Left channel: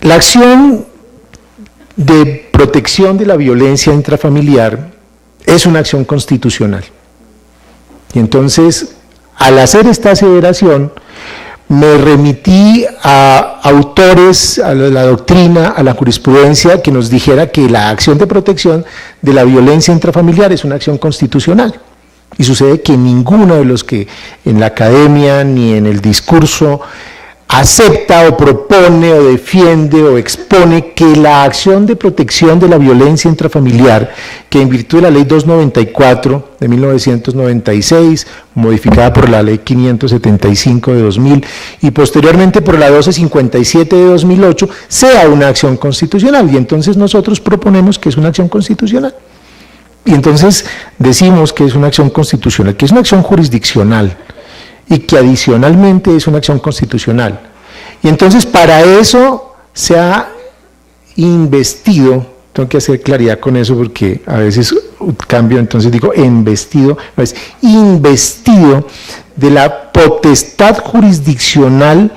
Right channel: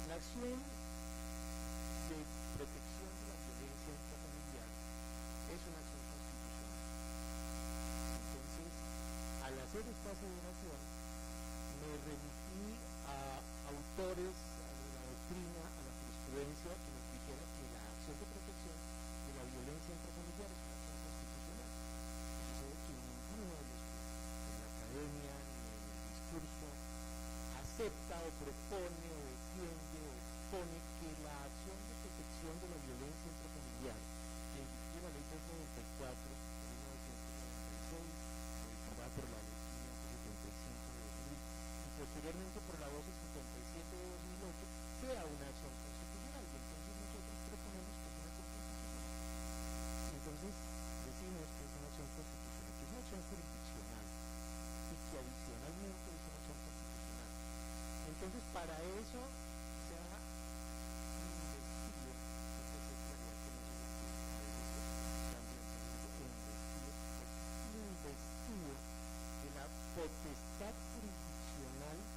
La acción de protección de la violencia intrafamiliar es una acción constitucional. Y entonces, al hacer esta aseveración, me remití a autores, a la doctrina, a la jurisprudencia, que nos dijera que la acción de protección de la violencia intrafamiliar es una acción constitucional. Y sucede que ninguno de los que en la academia ni en el discurso acepta o propone o defiende o expone que la acción de protección de la violencia intrafamiliar, que en virtud de la ley 294 de 1996, modificada por la ley 575 de 2000 y posteriormente por la 1257 de 2008, sea una acción constitucional. Y entonces nosotros proponemos que es una acción constitucional. Y entonces decimos que es una acción constitucional, que es una acción jurisdiccional, y que adicionalmente es una acción constitucional. Y entonces para eso se ha investido, tengo que hacer claridad con eso porque a veces cambio, entonces digo investido, es investido de la potestad jurisdiccional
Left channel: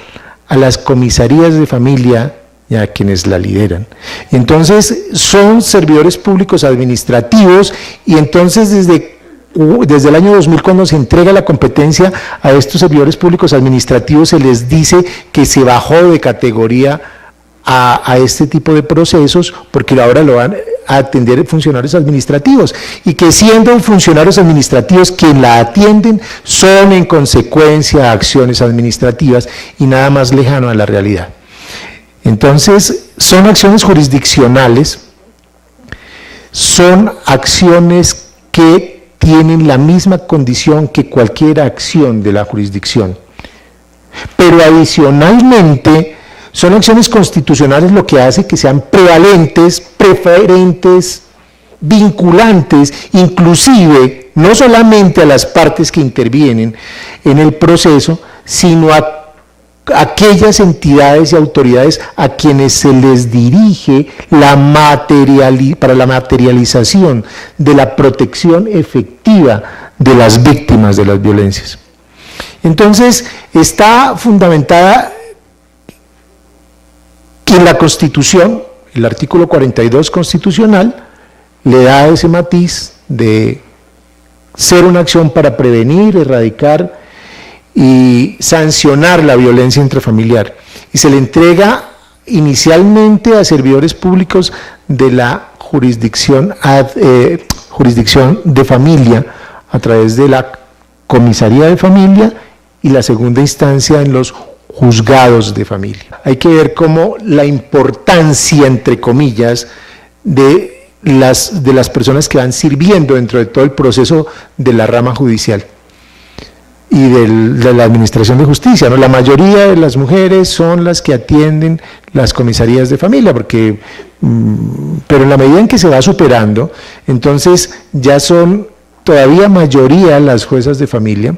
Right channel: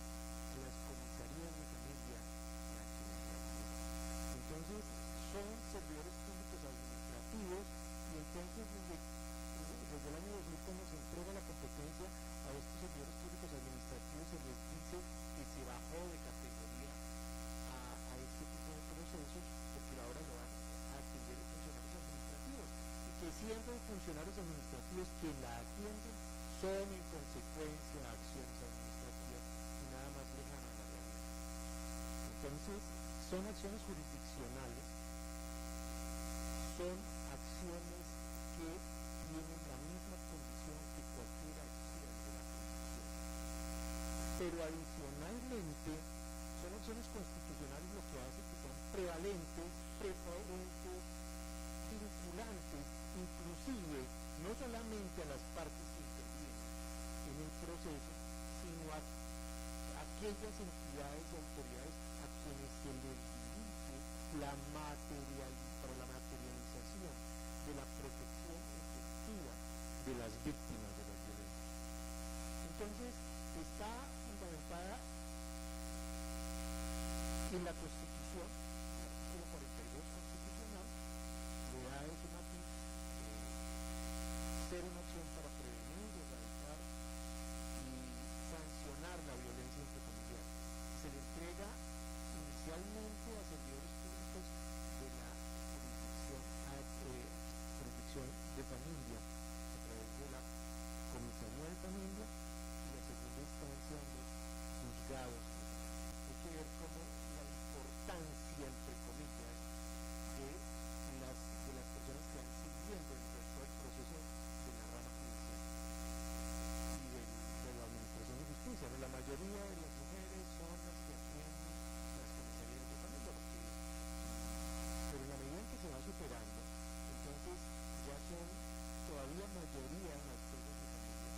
a las comisarías de familia y a quienes la lideran. Y entonces son servidores públicos administrativos, y entonces desde el año 2000, cuando se entrega la competencia a estos servidores públicos administrativos, se les dice que se bajó de categoría a este tipo de procesos, porque ahora lo van a atender funcionarios administrativos, y que siendo funcionarios administrativos quien la atienden, son en consecuencia acciones administrativas y nada más lejano a la realidad. Entonces, son acciones jurisdiccionales, son acciones que tienen la misma condición que cualquier acción de la jurisdicción. Pero adicionalmente, son acciones constitucionales, lo que hace que sean prevalentes, preferentes, vinculantes, inclusive, no solamente a las partes que intervienen en el proceso, sino a aquellas entidades y autoridades a quienes se les dirige para la materialización de la protección efectiva de las víctimas de las violencias. Entonces, está fundamentada que en la Constitución, el artículo 42 constitucional, le da ese matiz de ser una acción para prevenir, erradicar y sancionar la violencia intrafamiliar, y se le entrega inicialmente a servidores públicos de la jurisdicción de familia a través de la comisaría de familia y la segunda instancia en los juzgados de familia. Hay que ver cómo la importancia, entre comillas, de las personas que van sirviendo dentro de todo el proceso de la rama judicial y de la administración de justicia, ¿no? La mayoría de las mujeres son las que atienden las comisarías de familia, porque, pero en la medida en que se va superando, entonces ya son todavía mayoría las juezas de familia,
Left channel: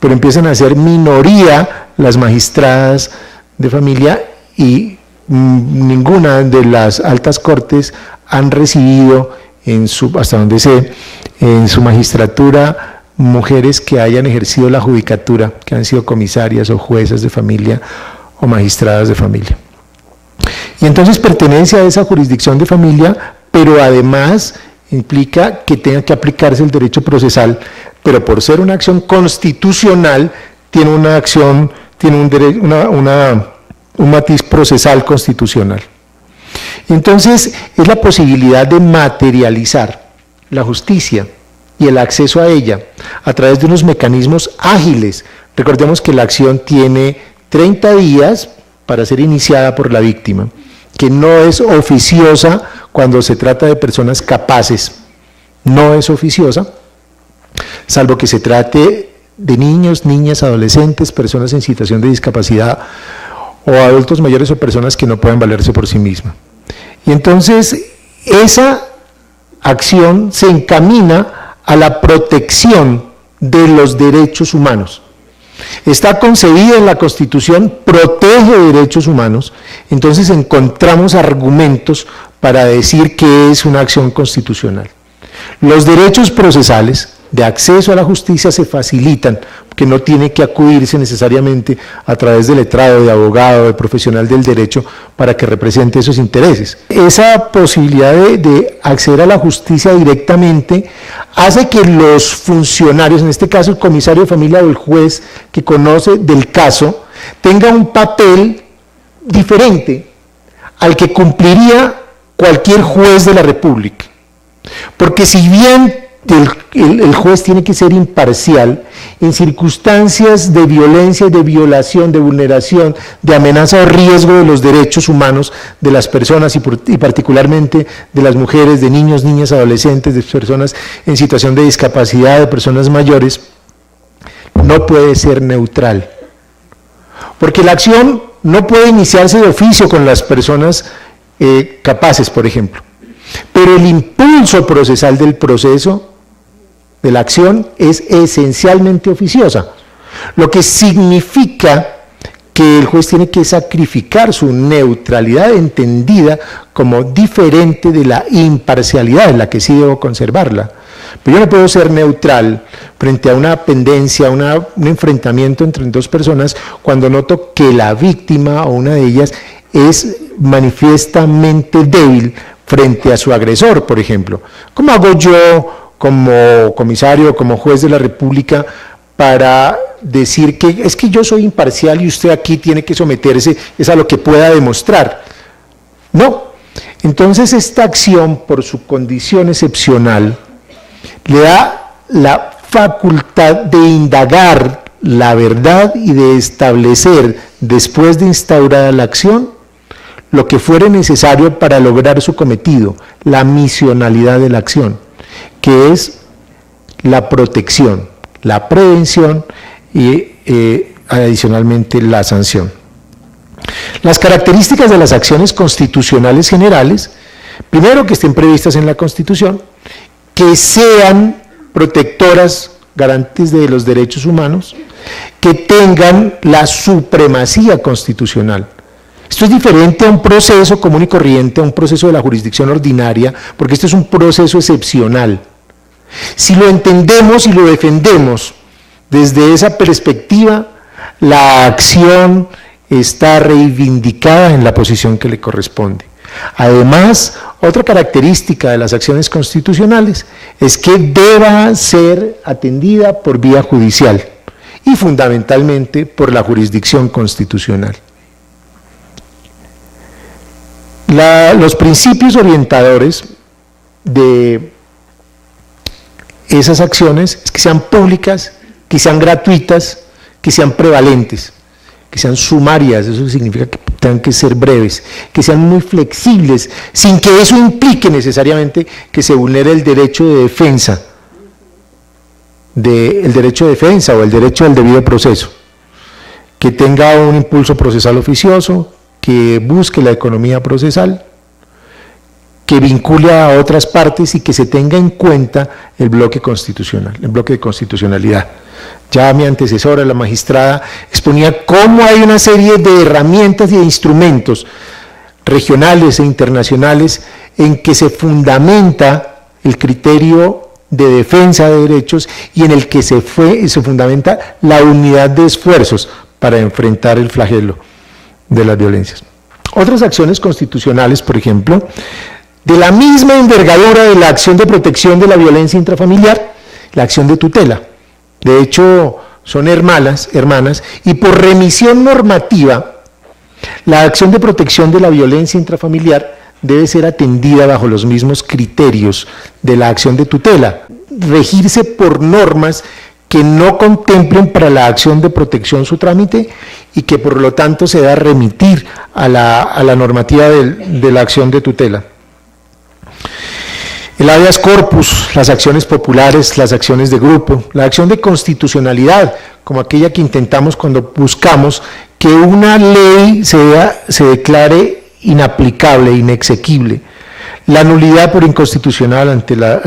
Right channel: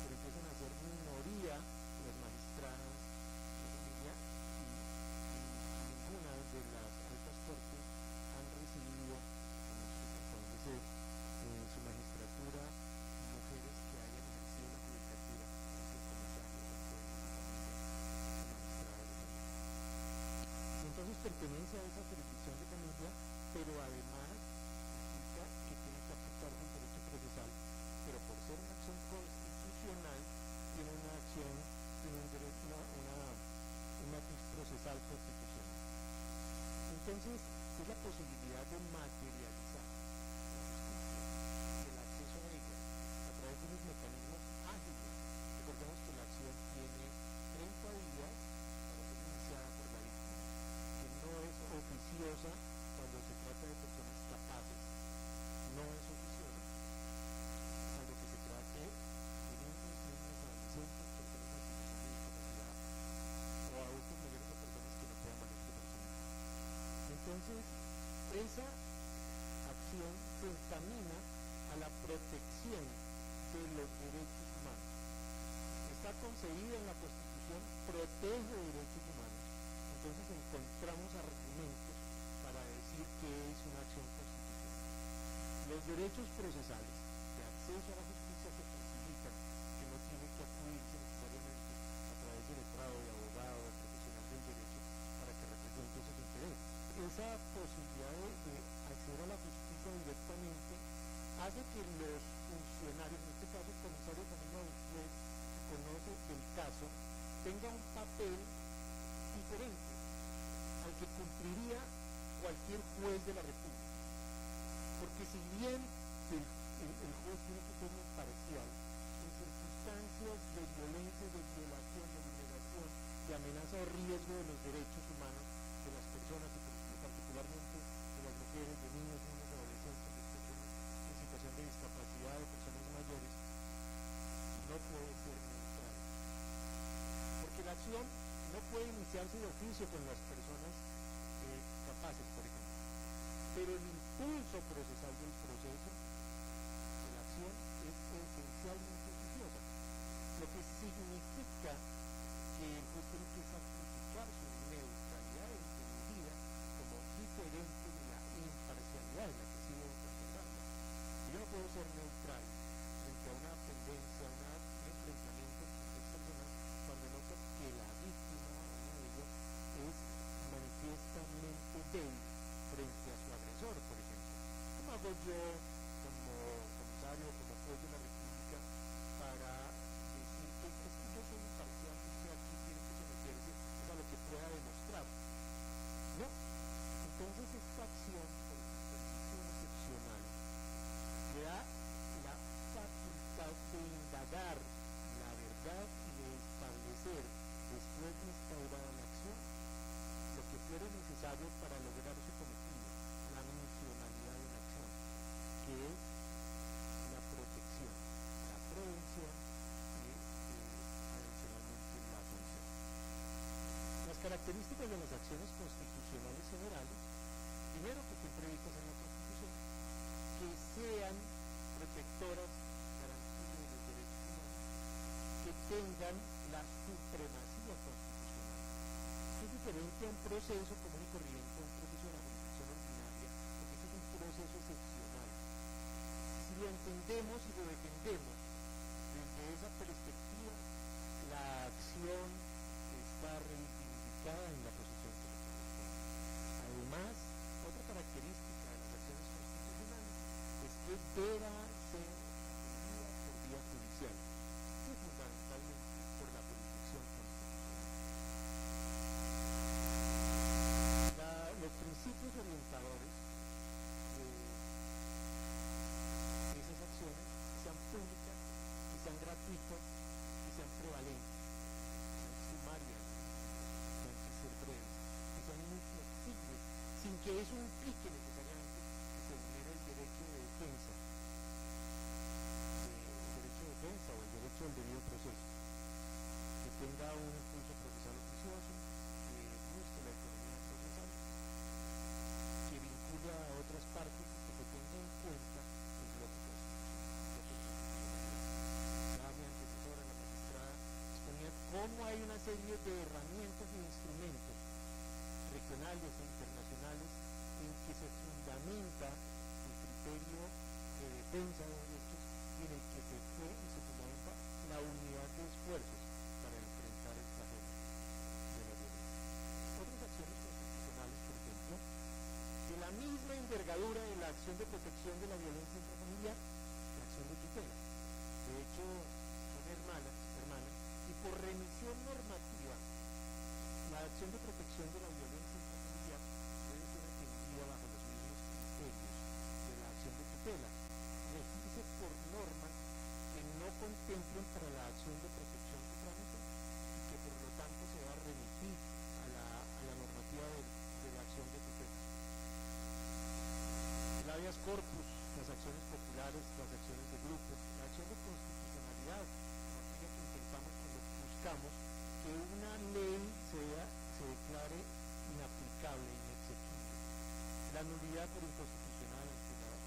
pero empiezan a ser minoría las magistradas de familia, y ninguna de las altas cortes han recibido hasta donde sé, en su magistratura, mujeres que hayan ejercido la judicatura, que han sido comisarias o juezas de familia o magistradas de familia. Y entonces pertenece a esa jurisdicción de familia, pero además implica que tenga que aplicarse el derecho procesal, pero por ser una acción constitucional, tiene una acción, tiene un matiz procesal constitucional. Y entonces es la posibilidad de materializar la justicia y el acceso a ella a través de unos mecanismos ágiles. Recordemos que la acción tiene 30 días para ser iniciada por la víctima, que no es oficiosa cuando se trata de personas capaces, no es oficiosa, salvo que se trate de niños, niñas, adolescentes, personas en situación de discapacidad o adultos mayores o personas que no pueden valerse por sí mismas. Y entonces esa acción se encamina a la protección de los derechos humanos. Está concebida en la Constitución, protege derechos humanos, entonces encontramos argumentos para decir que es una acción constitucional. Los derechos procesales, de acceso a la justicia se facilitan, que no tiene que acudirse necesariamente a través de letrado, de abogado, de profesional del derecho para que represente esos intereses. Esa posibilidad de acceder a la justicia directamente hace que los funcionarios, en este caso el comisario de familia o el juez que conoce del caso, tenga un papel diferente al que cumpliría cualquier juez de la República. Porque si bien el juez tiene que ser imparcial, en circunstancias de violencia, de violación, de vulneración, de amenaza o riesgo de los derechos humanos de las personas y particularmente de las mujeres, de niños, niñas, adolescentes, de personas en situación de discapacidad, de personas mayores, no puede ser neutral. Porque la acción no puede iniciarse de oficio con las personas capaces, por ejemplo, pero el impulso procesal del proceso de la acción es esencialmente oficiosa, lo que significa que el juez tiene que sacrificar su neutralidad entendida como diferente de la imparcialidad en la que sí debo conservarla. Pero yo no puedo ser neutral frente a una pendencia, un enfrentamiento entre dos personas cuando noto que la víctima o una de ellas es manifiestamente débil frente a su agresor, por ejemplo. ¿Cómo hago yo como comisario, como juez de la República, para decir que es que yo soy imparcial y usted aquí tiene que someterse es a lo que pueda demostrar? No. Entonces esta acción, por su condición excepcional, le da la facultad de indagar la verdad y de establecer, después de instaurada la acción, lo que fuere necesario para lograr su cometido, la misionalidad de la acción, que es la protección, la prevención y adicionalmente la sanción. Las características de las acciones constitucionales generales, primero que estén previstas en la Constitución, que sean protectoras, garantes de los derechos humanos, que tengan la supremacía constitucional. Esto es diferente a un proceso común y corriente, a un proceso de la jurisdicción ordinaria, porque este es un proceso excepcional. Si lo entendemos y lo defendemos desde esa perspectiva, la acción está reivindicada en la posición que le corresponde. Además, otra característica de las acciones constitucionales es que deba ser atendida por vía judicial y fundamentalmente por la jurisdicción constitucional. Los principios orientadores de esas acciones es que sean públicas, que sean gratuitas, que sean prevalentes, que sean sumarias, eso significa que tengan que ser breves, que sean muy flexibles, sin que eso implique necesariamente que se vulnere el derecho de defensa, o el derecho al debido proceso, que tenga un impulso procesal oficioso, que busque la economía procesal, que vincule a otras partes y que se tenga en cuenta el bloque constitucional, el bloque de constitucionalidad. Ya mi antecesora, la magistrada, exponía cómo hay una serie de herramientas y de instrumentos regionales e internacionales en que se fundamenta el criterio de defensa de derechos y en el que se fundamenta la unidad de esfuerzos para enfrentar el flagelo de las violencias. Otras acciones constitucionales, por ejemplo, de la misma envergadura de la acción de protección de la violencia intrafamiliar, la acción de tutela. De hecho, son hermanas, y por remisión normativa, la acción de protección de la violencia intrafamiliar debe ser atendida bajo los mismos criterios de la acción de tutela, regirse por normas que no contemplen para la acción de protección su trámite y que por lo tanto se da remitir a la normativa de la acción de tutela. El habeas corpus, las acciones populares, las acciones de grupo, la acción de constitucionalidad, como aquella que intentamos cuando buscamos que una ley se declare inaplicable, inexequible. La nulidad por inconstitucional ante la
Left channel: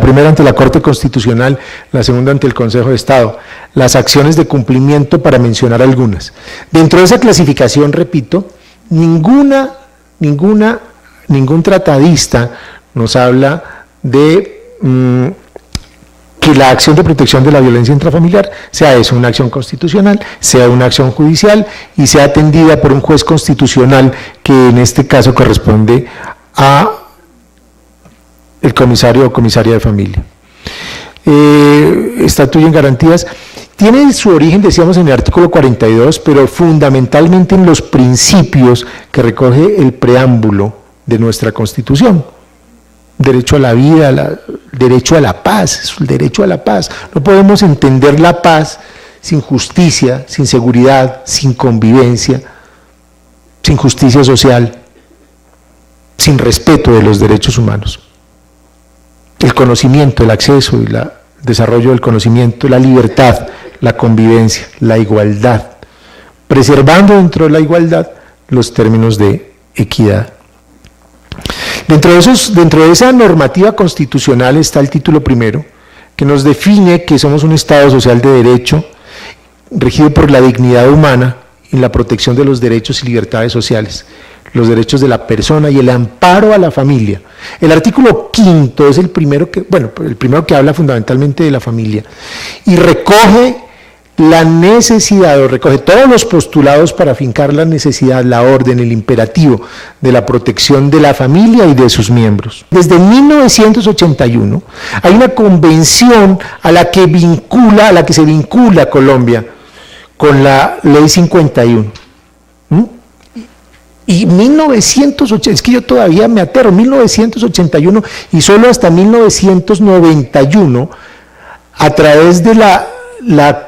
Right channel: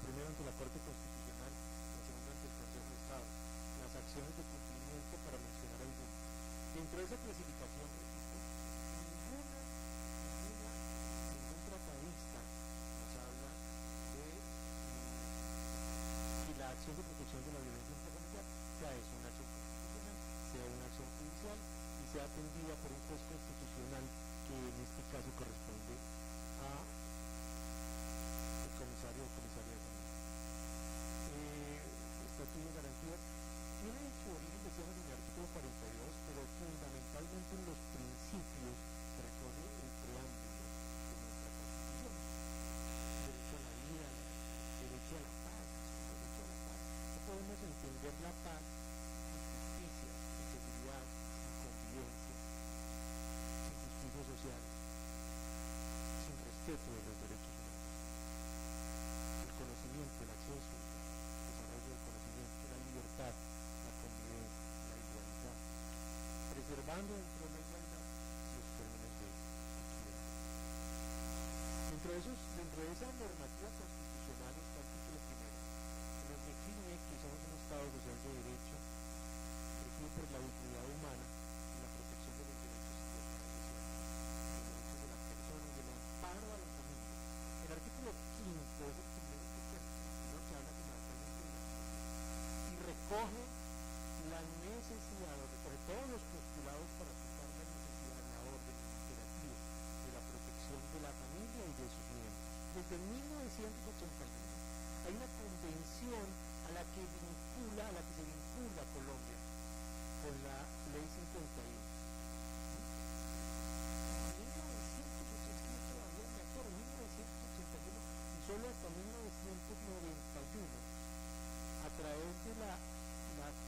primera ante la Corte Constitucional, la segunda ante el Consejo de Estado, las acciones de cumplimiento para mencionar algunas. Dentro de esa clasificación, repito, ningún tratadista nos habla de que la acción de protección de la violencia intrafamiliar sea eso, una acción constitucional, sea una acción judicial y sea atendida por un juez constitucional que en este caso corresponde a el comisario o comisaria de familia. Estatuto en garantías tiene su origen, decíamos, en el artículo 42, pero fundamentalmente en los principios que recoge el preámbulo de nuestra Constitución. Derecho a la vida, derecho a la paz, es el derecho a la paz. No podemos entender la paz sin justicia, sin seguridad, sin convivencia, sin justicia social, sin respeto de los derechos humanos. El conocimiento, el acceso y el desarrollo del conocimiento, la libertad, la convivencia, la igualdad, preservando dentro de la igualdad los términos de equidad. Dentro de esa normativa constitucional está el título primero, que nos define que somos un Estado social de derecho, regido por la dignidad humana y la protección de los derechos y libertades sociales, los derechos de la persona y el amparo a la familia. El artículo 5 es el primero que habla fundamentalmente de la familia y recoge la necesidad, o recoge todos los postulados para afincar la necesidad, la orden, el imperativo de la protección de la familia y de sus miembros. Desde 1981 hay una convención a la que se vincula Colombia con la Ley 51. Y 1980, es que yo todavía me aterro, 1981 y solo hasta 1991, a través de la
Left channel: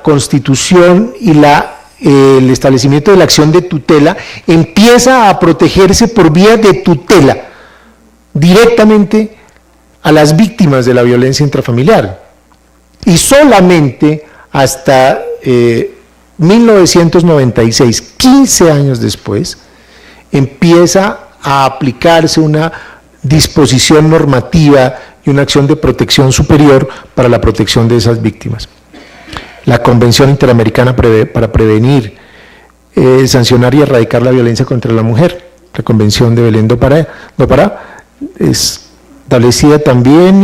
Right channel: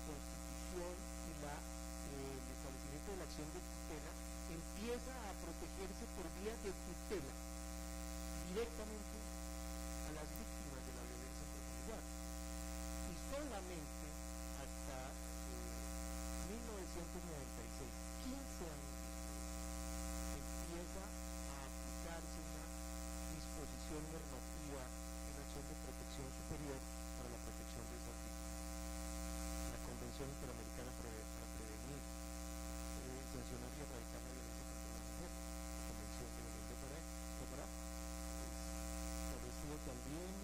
Constitución y el establecimiento de la acción de tutela, empieza a protegerse por vía de tutela directamente a las víctimas de la violencia intrafamiliar. Y solamente hasta 1996, 15 años después, empieza a aplicarse una disposición normativa y una acción de protección superior para la protección de esas víctimas. La Convención Interamericana para prevenir, sancionar y erradicar la violencia contra la mujer, la Convención de Belén do Pará, es establecida también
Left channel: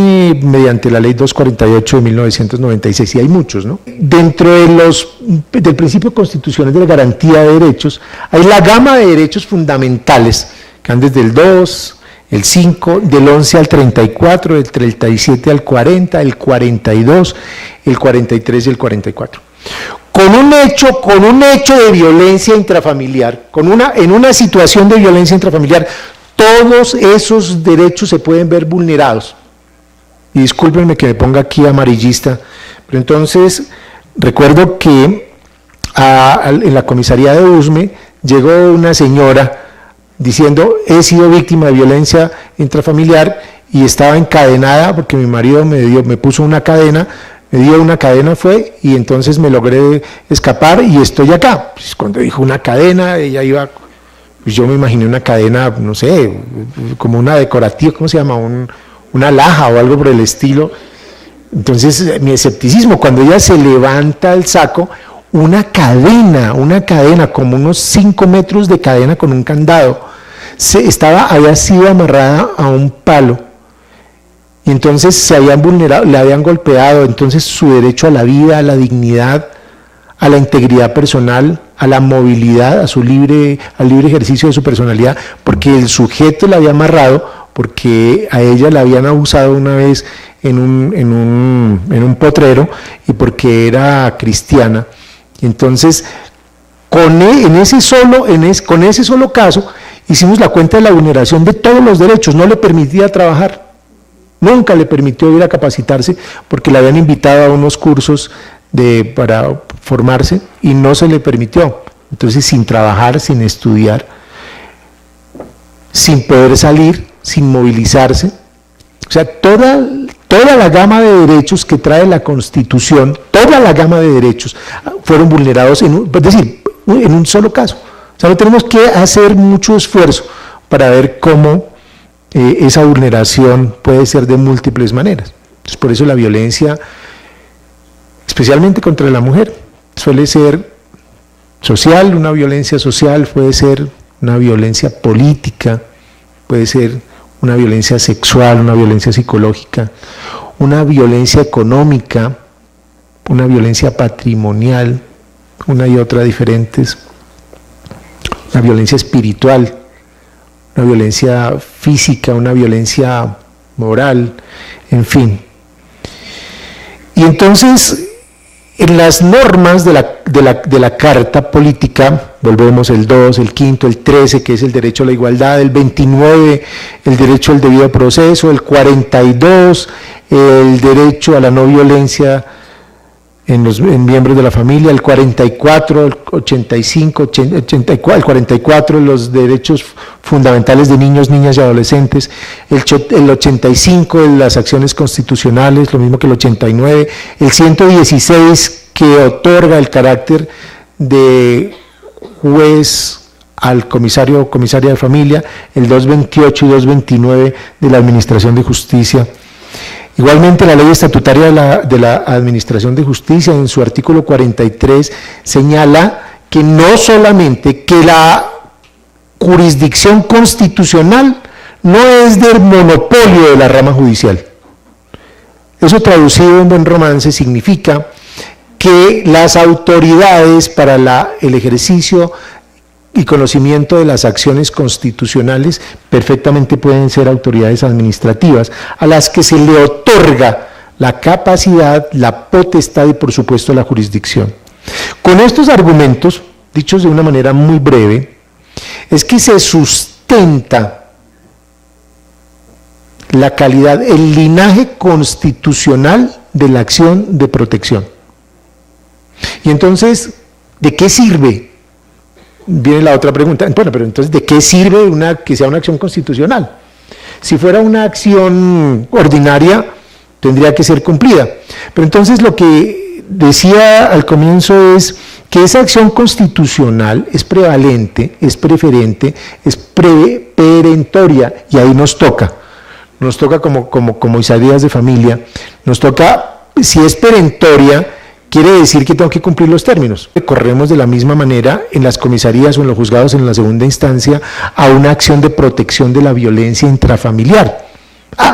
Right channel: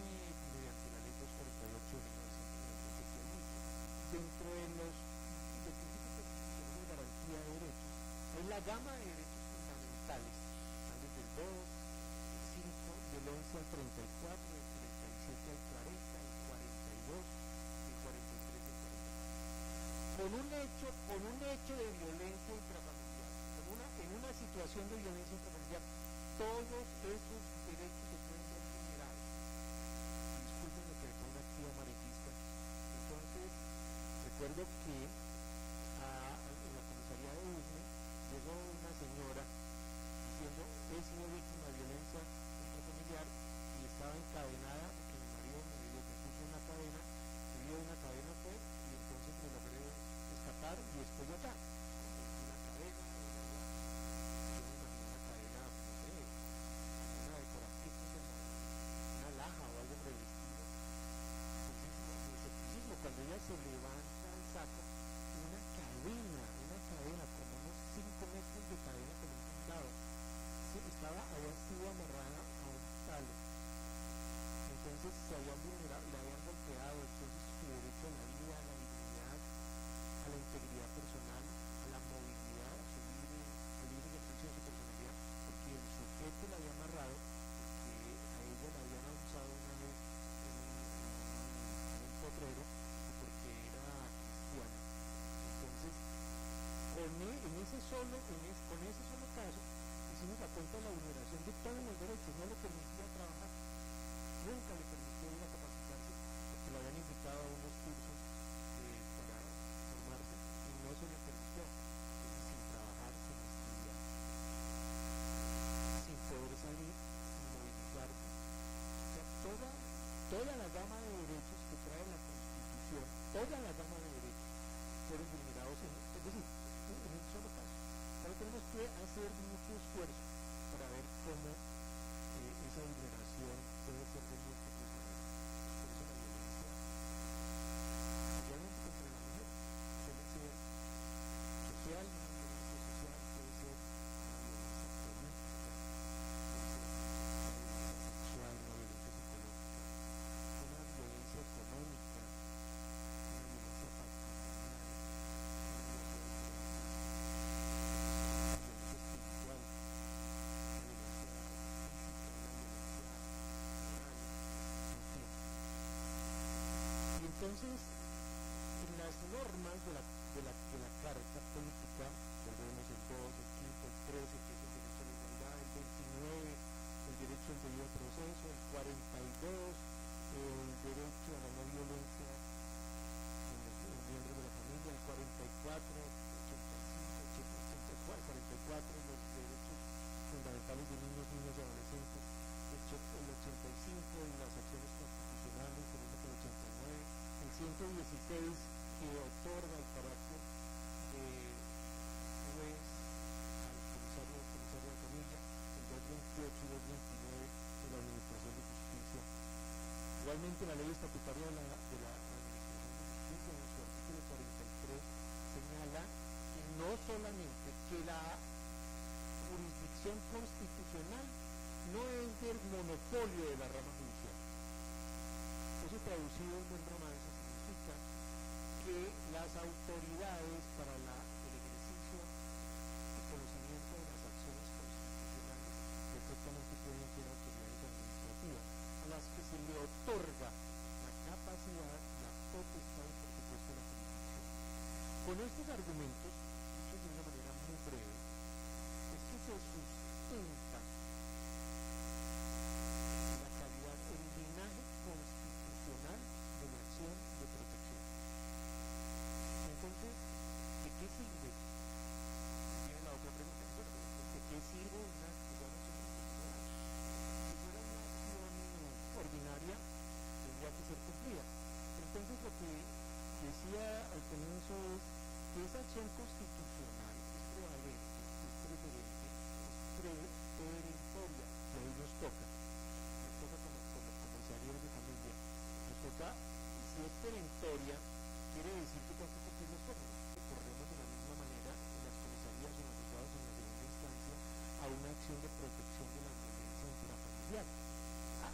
mediante la Ley 248 de 1996, y hay muchos, ¿no? Dentro del principio constitucional de la garantía de derechos, hay la gama de derechos fundamentales, que van desde el 2, el 5, del 11 al 34, del 37 al 40, el 42, el 43 y el 44. Con un hecho de violencia intrafamiliar, en una situación de violencia intrafamiliar, todos esos derechos se pueden ver vulnerados. Y discúlpenme que me ponga aquí amarillista, pero entonces recuerdo que en la comisaría de Usme llegó una señora diciendo: he sido víctima de violencia intrafamiliar y estaba encadenada porque mi marido me puso una cadena, me dio una cadena y entonces me logré escapar y estoy acá. Pues cuando dijo una cadena, ella iba, pues yo me imaginé una cadena, no sé, como una decorativa, ¿cómo se llama? Una laja o algo por el estilo. Entonces mi escepticismo, cuando ella se levanta el saco, una cadena, como unos 5 metros de cadena con un candado, había sido amarrada a un palo, y entonces se habían vulnerado, le habían golpeado, entonces su derecho a la vida, a la dignidad, a la integridad personal, a la movilidad, al libre ejercicio de su personalidad, porque el sujeto la había amarrado, porque a ella la habían abusado una vez en un potrero, y porque era cristiana. Entonces, con ese solo caso, hicimos la cuenta de la vulneración de todos los derechos. No le permitía trabajar, nunca le permitió ir a capacitarse, porque le habían invitado a unos cursos para formarse y no se le permitió. Entonces, sin trabajar, sin estudiar, sin poder salir, sin movilizarse, o sea, toda la gama de derechos que trae la Constitución, toda la gama de derechos fueron vulnerados en un solo caso. O sea, no tenemos que hacer mucho esfuerzo para ver cómo esa vulneración puede ser de múltiples maneras. Entonces, por eso la violencia, especialmente contra la mujer, suele ser social, una violencia social, puede ser una violencia política, puede ser una violencia sexual, una violencia psicológica, una violencia económica, una violencia patrimonial, una y otra diferentes, una violencia espiritual, una violencia física, una violencia moral, en fin. Y entonces, en las normas de la Carta Política, volvemos el 2, el 5, el 13, que es el derecho a la igualdad, el 29, el derecho al debido proceso, el 42, el derecho a la no violencia en miembros de la familia, el 44, el 85, 84, el 44, los derechos fundamentales de niños, niñas y adolescentes, el 85 de las acciones constitucionales, lo mismo que el 89, el 116 que otorga el carácter de juez al comisario o comisaria de familia, el 228 y 229 de la Administración de Justicia. Igualmente, la ley estatutaria de la Administración de Justicia, en su artículo 43, señala que no solamente que la jurisdicción constitucional no es del monopolio de la rama judicial. Eso, traducido en buen romance, significa que las autoridades para el ejercicio y conocimiento de las acciones constitucionales perfectamente pueden ser autoridades administrativas, a las que se le otorga la capacidad, la potestad y por supuesto la jurisdicción. Con estos argumentos, dichos de una manera muy breve, es que se sustenta la calidad, el linaje constitucional de la acción de protección. Y entonces, ¿de qué sirve? Viene la otra pregunta, bueno, pero entonces, ¿de qué sirve que sea una acción constitucional? Si fuera una acción ordinaria, tendría que ser cumplida. Pero entonces lo que decía al comienzo es que esa acción constitucional es prevalente, es preferente, es perentoria, y ahí nos toca como comisarias de familia, nos toca, si es perentoria, quiere decir que tengo que cumplir los términos. Corremos de la misma manera en las comisarías o en los juzgados en la segunda instancia a una acción de protección de la violencia intrafamiliar.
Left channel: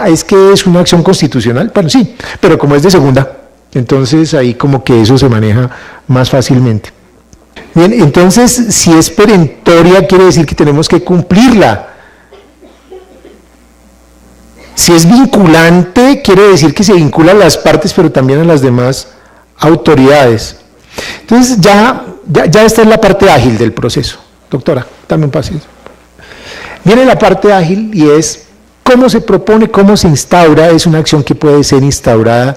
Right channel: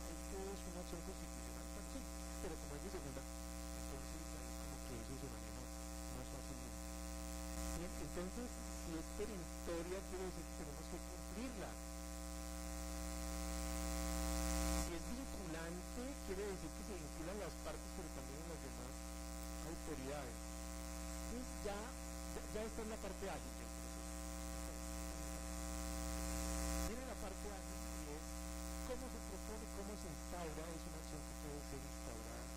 Es que es una acción constitucional, bueno, sí, pero como es de segunda, entonces ahí como que eso se maneja más fácilmente. Bien, entonces si es perentoria quiere decir que tenemos que cumplirla. Si es vinculante quiere decir que se vincula a las partes pero también a las demás autoridades. Entonces ya esta es la parte ágil del proceso. Doctora, dame un pasito. Viene la parte ágil y es cómo se propone, cómo se instaura. Es una acción que puede ser instaurada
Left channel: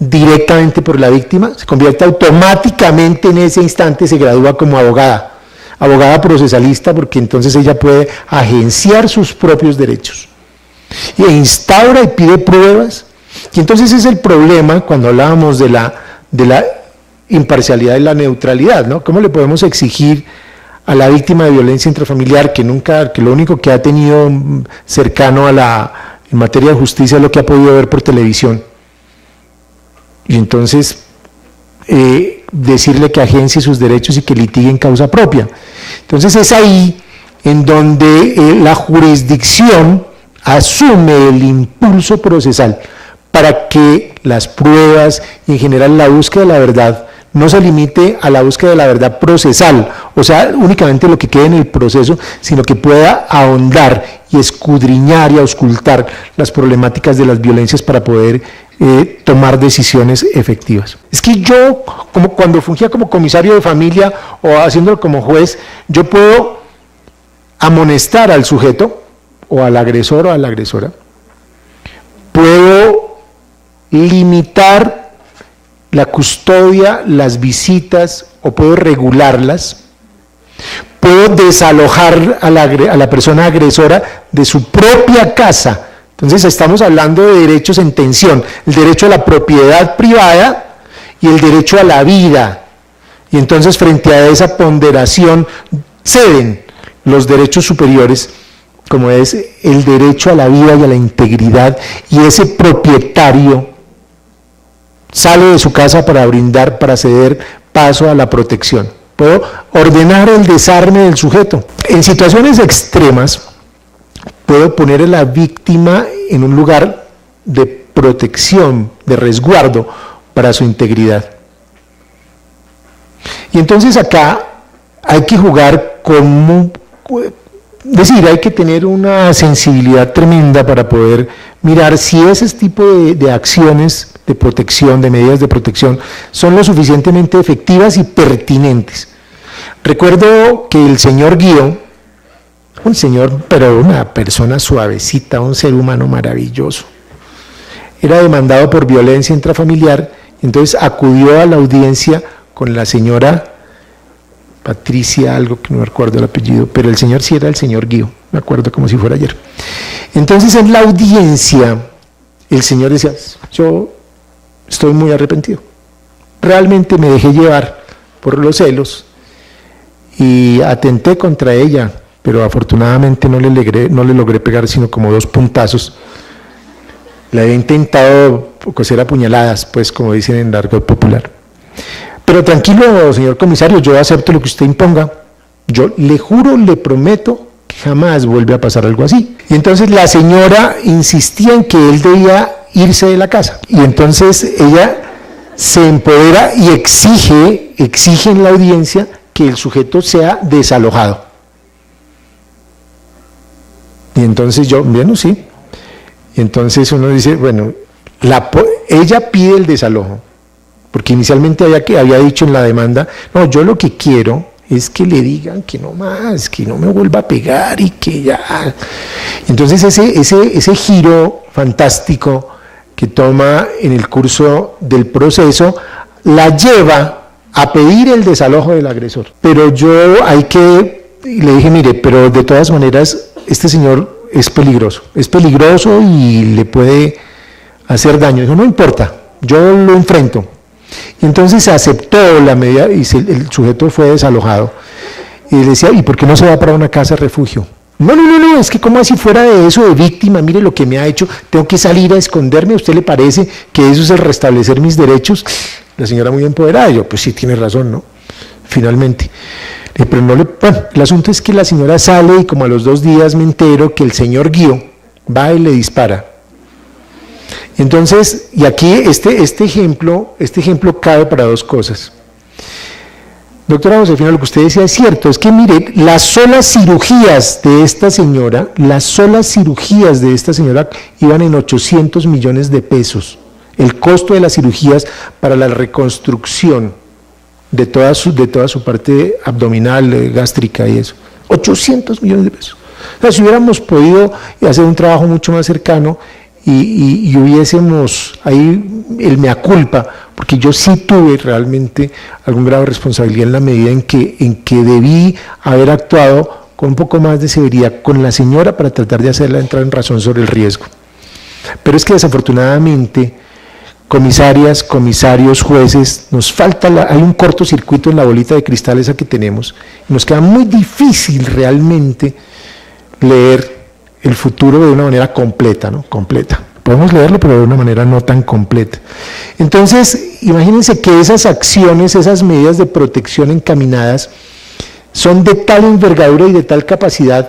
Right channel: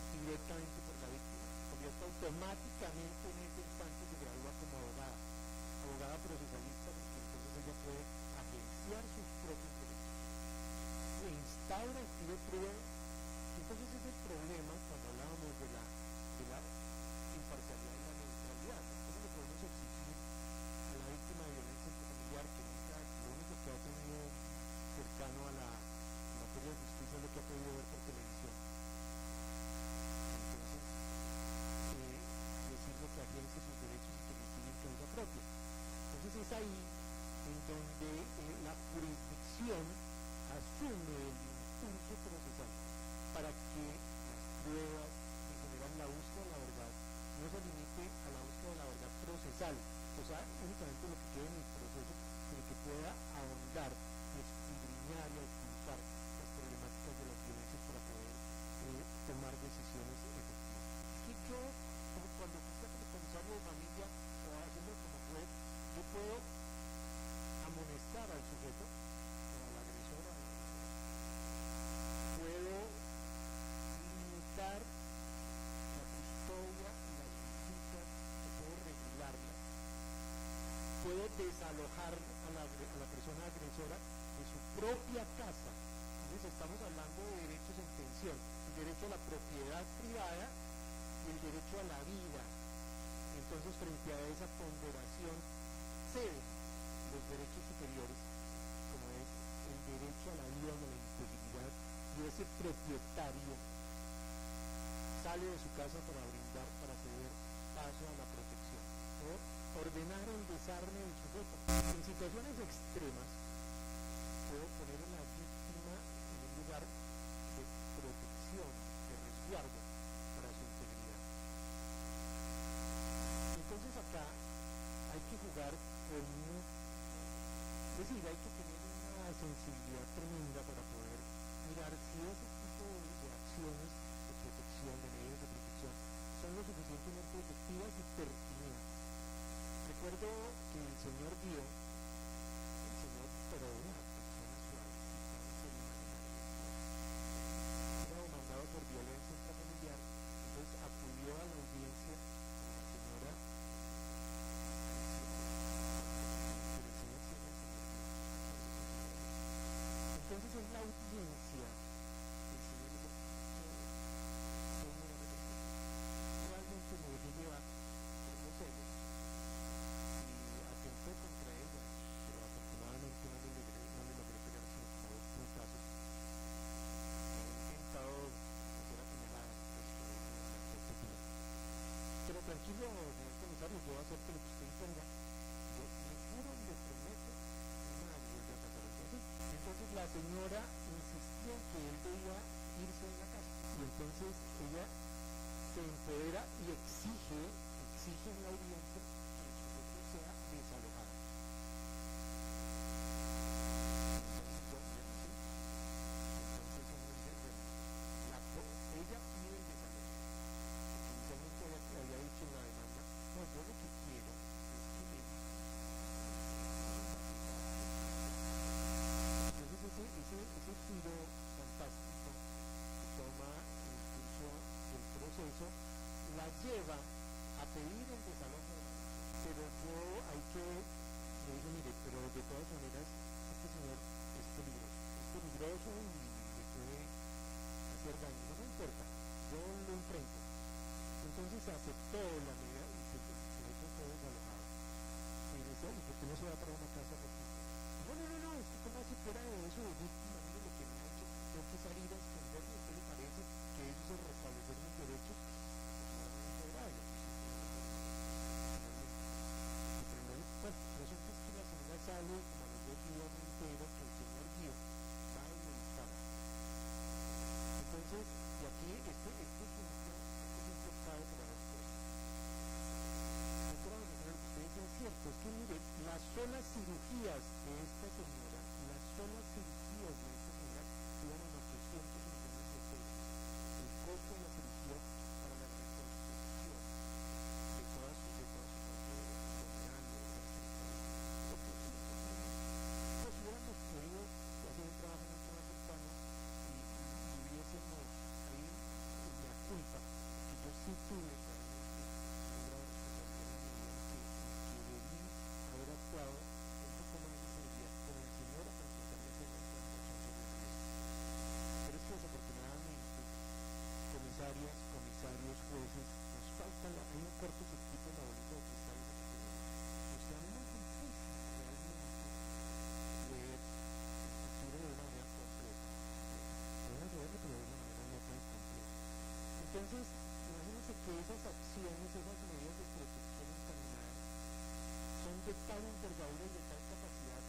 directamente por la víctima, se convierte automáticamente en ese instante, se gradúa como abogada procesalista, porque entonces ella puede agenciar sus propios derechos y instaura y pide pruebas. Y entonces es el problema cuando hablábamos de la imparcialidad y la neutralidad, ¿no? ¿Cómo le podemos exigir a la víctima de violencia intrafamiliar que lo único que ha tenido cercano en materia de justicia es lo que ha podido ver por televisión? Y entonces decirle que agencie sus derechos y que litigue en causa propia. Entonces es ahí en donde la jurisdicción asume el impulso procesal para que las pruebas y en general la búsqueda de la verdad no se limite a la búsqueda de la verdad procesal, o sea, únicamente lo que quede en el proceso, sino que pueda ahondar y escudriñar y auscultar las problemáticas de las violencias para poder tomar decisiones efectivas. Es que yo, como cuando fungía como comisario de familia o haciéndolo como juez, yo puedo amonestar al sujeto o al agresor o a la agresora, puedo limitar la custodia, las visitas, o puedo regularlas, puedo desalojar a la persona agresora de su propia casa. Entonces estamos hablando de derechos en tensión, el derecho a la propiedad privada y el derecho a la vida. Y entonces frente a esa ponderación ceden los derechos superiores, como es el derecho a la vida y a la integridad, y ese propietario sale de su casa para ceder paso a la protección. Puedo ordenar el desarme del sujeto. En situaciones extremas, puedo poner a la víctima en un lugar de protección, de resguardo para su integridad. Y entonces acá hay que jugar hay que tener una sensibilidad tremenda para poder mirar si ese tipo de acciones de protección, de medidas de protección, son lo suficientemente efectivas y pertinentes. Recuerdo que el señor Guío, un señor, pero una persona suavecita, un ser humano maravilloso, era demandado por violencia intrafamiliar, entonces acudió a la audiencia con la señora Patricia, algo que no recuerdo el apellido, pero el señor sí era el señor Guío, me acuerdo como si fuera ayer. Entonces en la audiencia el señor decía, yo estoy muy arrepentido, realmente me dejé llevar por los celos y atenté contra ella, pero afortunadamente no le logré pegar sino como 2 puntazos. Le había intentado coser a puñaladas, pues como dicen en el argot popular. Pero tranquilo, señor comisario, yo acepto lo que usted imponga. Yo le juro, le prometo que jamás vuelve a pasar algo así. Y entonces la señora insistía en que él debía irse de la casa. Y entonces ella se empodera y exige en la audiencia que el sujeto sea desalojado. Y entonces bueno, sí. Y entonces uno dice, bueno, ella pide el desalojo. Porque inicialmente había dicho en la demanda, no, yo lo que quiero es que le digan que no más, que no me vuelva a pegar y que ya. Entonces ese giro fantástico que toma en el curso del proceso la lleva a pedir el desalojo del agresor. Pero yo le dije, mire, pero de todas maneras este señor es peligroso y le puede hacer daño. Dijo, no importa, yo lo enfrento. Y entonces aceptó la medida y el sujeto fue desalojado. Y le decía, ¿y por qué no se va para una casa refugio? No, es que como así fuera de eso, de víctima, mire lo que me ha hecho, tengo que salir a esconderme, ¿a usted le parece que eso es el restablecer mis derechos? La señora muy empoderada, y yo, pues sí, tiene razón, ¿no? Finalmente. Pero bueno, el asunto es que la señora sale y como a los 2 días me entero que el señor Guío va y le dispara. Entonces, y aquí este ejemplo cabe para 2 cosas. Doctora Josefina, lo que usted decía es cierto, es que mire, las solas cirugías de esta señora iban en 800 millones de pesos. El costo de las cirugías para la reconstrucción de toda su parte abdominal, gástrica y eso. 800 millones de pesos. O sea, si hubiéramos podido hacer un trabajo mucho más cercano y hubiésemos ahí el mea culpa, porque yo sí tuve realmente algún grado de responsabilidad en la medida en que debí haber actuado con un poco más de severidad con la señora para tratar de hacerla entrar en razón sobre el riesgo. Pero es que desafortunadamente, comisarias, comisarios, jueces, nos falta, hay un cortocircuito en la bolita de cristal esa que tenemos, y nos queda muy difícil realmente leer el futuro de una manera completa, ¿no? Completa. Podemos leerlo, pero de una manera no tan completa. Entonces, imagínense que esas acciones, esas medidas de protección encaminadas, son de tal envergadura y de tal capacidad,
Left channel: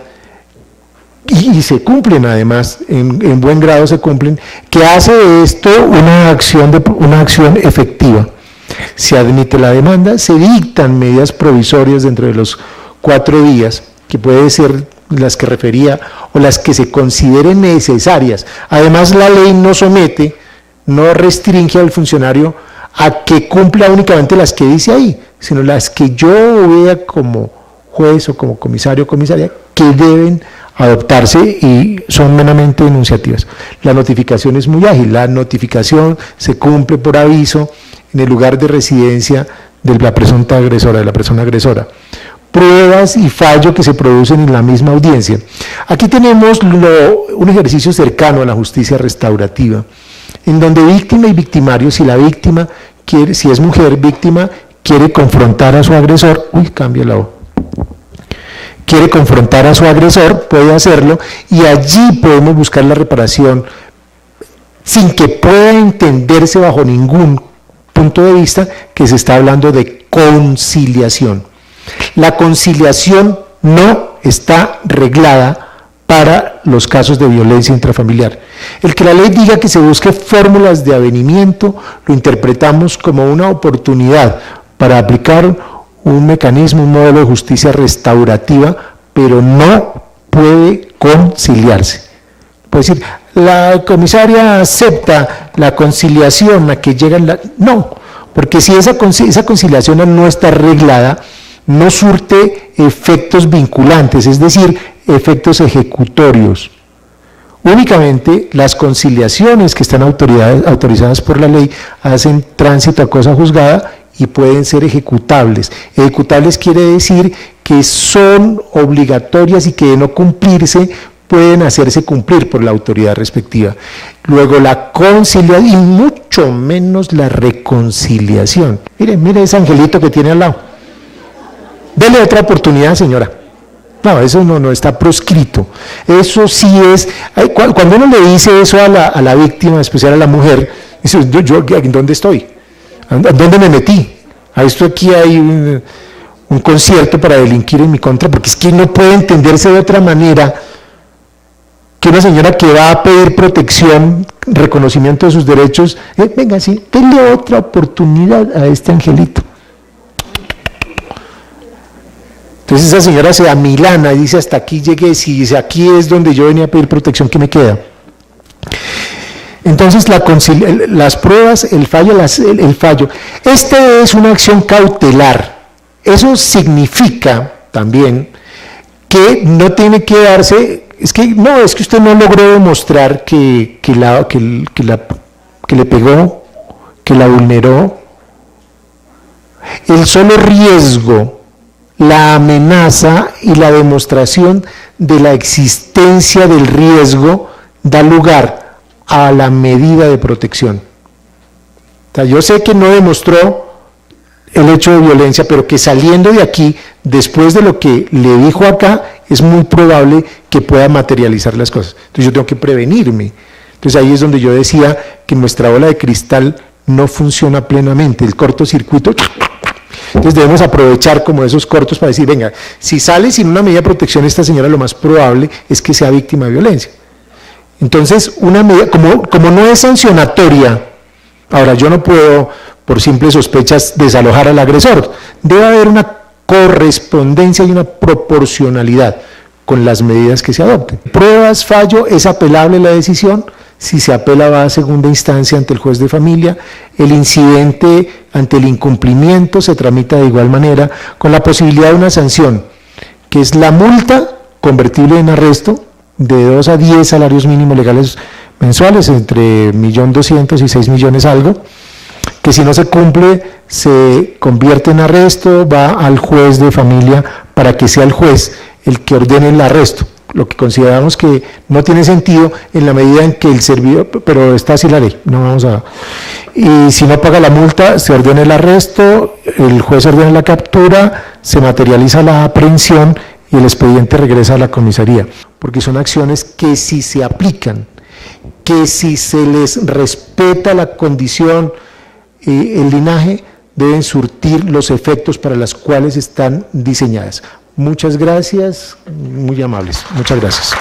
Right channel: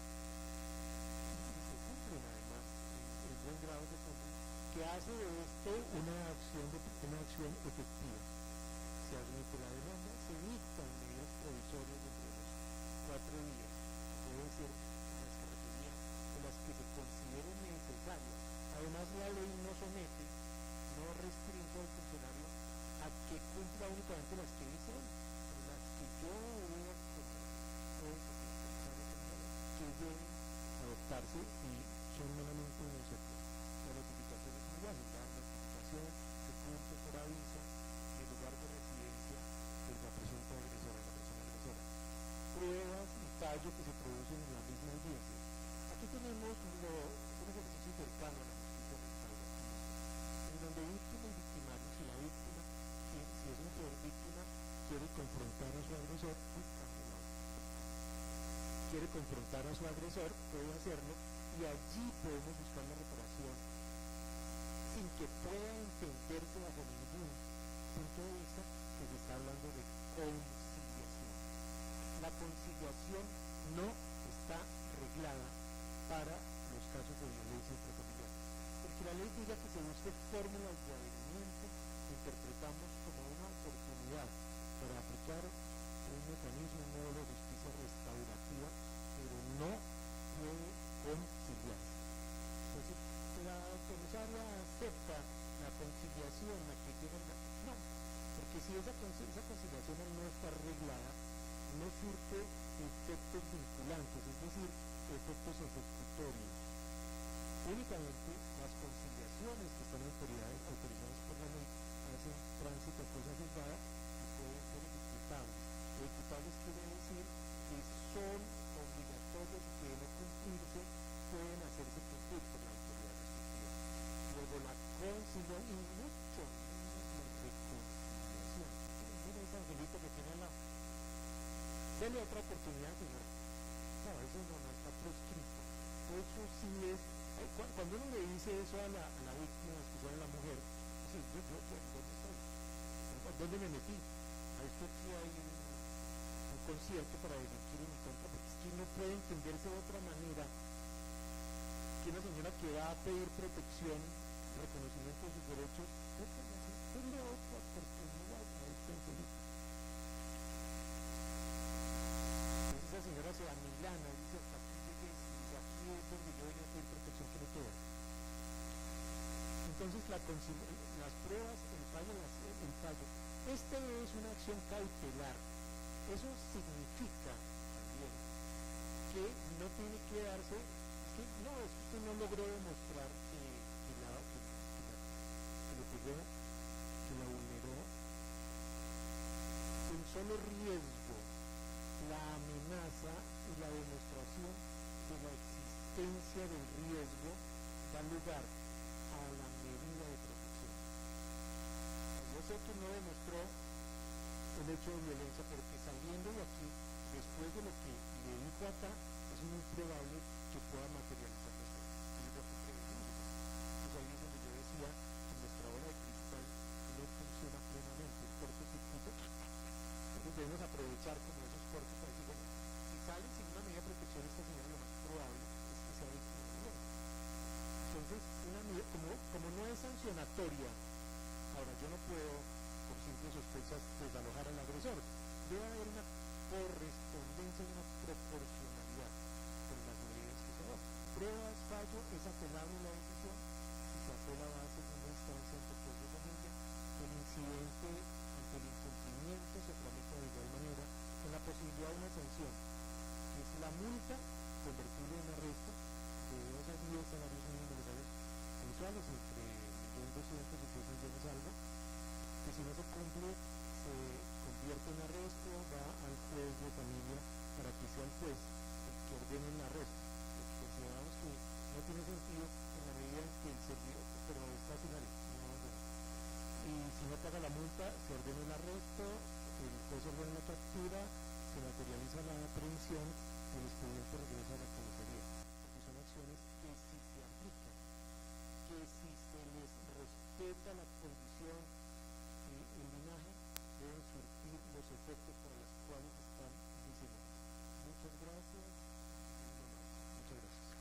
y se cumplen además, en buen grado se cumplen, que hace de esto una acción efectiva. Se admite la demanda, se dictan medidas provisorias dentro de los 4 días, que puede ser las que refería o las que se consideren necesarias. Además, la ley no restringe al funcionario a que cumpla únicamente las que dice ahí, sino las que yo vea como juez o como comisario o comisaria que deben adoptarse y son meramente enunciativas. La notificación es muy ágil, la notificación se cumple por aviso en el lugar de residencia de la presunta agresora, de la persona agresora. Pruebas y fallo que se producen en la misma audiencia. Aquí tenemos un ejercicio cercano a la justicia restaurativa, en donde víctima y victimario, si la víctima quiere, si es mujer víctima, quiere confrontar a su agresor, quiere confrontar a su agresor, puede hacerlo, y allí podemos buscar la reparación sin que pueda entenderse bajo ningún punto de vista que se está hablando de conciliación. La conciliación no está reglada para los casos de violencia intrafamiliar. El que la ley diga que se busque fórmulas de avenimiento, lo interpretamos como una oportunidad para aplicar un mecanismo, un modelo de justicia restaurativa, pero no puede conciliarse. Puede decir, la comisaria acepta la conciliación a que llegan no, porque si esa conciliación no está arreglada, no surte efectos vinculantes, es decir, efectos ejecutorios. Únicamente las conciliaciones que están autorizadas por la ley hacen tránsito a cosa juzgada y pueden ser ejecutables. Ejecutables quiere decir que son obligatorias y que de no cumplirse pueden hacerse cumplir por la autoridad respectiva. Luego la conciliación y mucho menos la reconciliación. Mire ese angelito que tiene al lado. Dele otra oportunidad, señora. No, eso no está proscrito. Eso sí es, cuando uno le dice eso a la víctima, en especial a la mujer, dice, yo ¿dónde estoy? ¿Dónde me metí? A esto aquí hay un concierto para delinquir en mi contra, porque es que no puede entenderse de otra manera que una señora que va a pedir protección, reconocimiento de sus derechos, venga, sí, denle otra oportunidad a este angelito. Entonces esa señora se amilana y dice, hasta aquí llegué, si aquí es donde yo venía a pedir protección, ¿qué me queda? Entonces las pruebas, el fallo. Esta es una acción cautelar. Eso significa también que no tiene que darse, es que usted no logró demostrar que le pegó, que la vulneró. El solo riesgo, la amenaza y la demostración de la existencia del riesgo da lugar a la medida de protección. O sea, yo sé que no demostró el hecho de violencia, pero que saliendo de aquí, después de lo que le dijo acá, es muy probable que pueda materializar las cosas. Entonces yo tengo que prevenirme. Entonces ahí es donde yo decía que nuestra bola de cristal no funciona plenamente, el cortocircuito. Entonces debemos aprovechar como esos cortos para decir, venga, si sale sin una medida de protección esta señora, lo más probable es que sea víctima de violencia. Entonces, una medida, como no es sancionatoria, ahora yo no puedo, por simples sospechas, desalojar al agresor. Debe haber una correspondencia y una proporcionalidad con las medidas que se adopten. Pruebas, fallo, es apelable la decisión. Si se apela va a segunda instancia ante el juez de familia, el incidente ante el incumplimiento se tramita de igual manera, con la posibilidad de una sanción, que es la multa convertible en arresto de 2 a 10 salarios mínimos legales mensuales, entre 1.200.000 y 6 millones algo, que si no se cumple se convierte en arresto, va al juez de familia para que sea el juez el que ordene el arresto. Lo que consideramos que no tiene sentido en la medida en que el servidor, pero está así la ley, no vamos a... Y si no paga la multa, se ordena el arresto, el juez ordena la captura, se materializa la aprehensión y el expediente regresa a la comisaría, porque son acciones que si se aplican, que si se les respeta la condición, el linaje, deben surtir los efectos para los cuales están diseñadas. Muchas gracias, muy amables. Muchas gracias.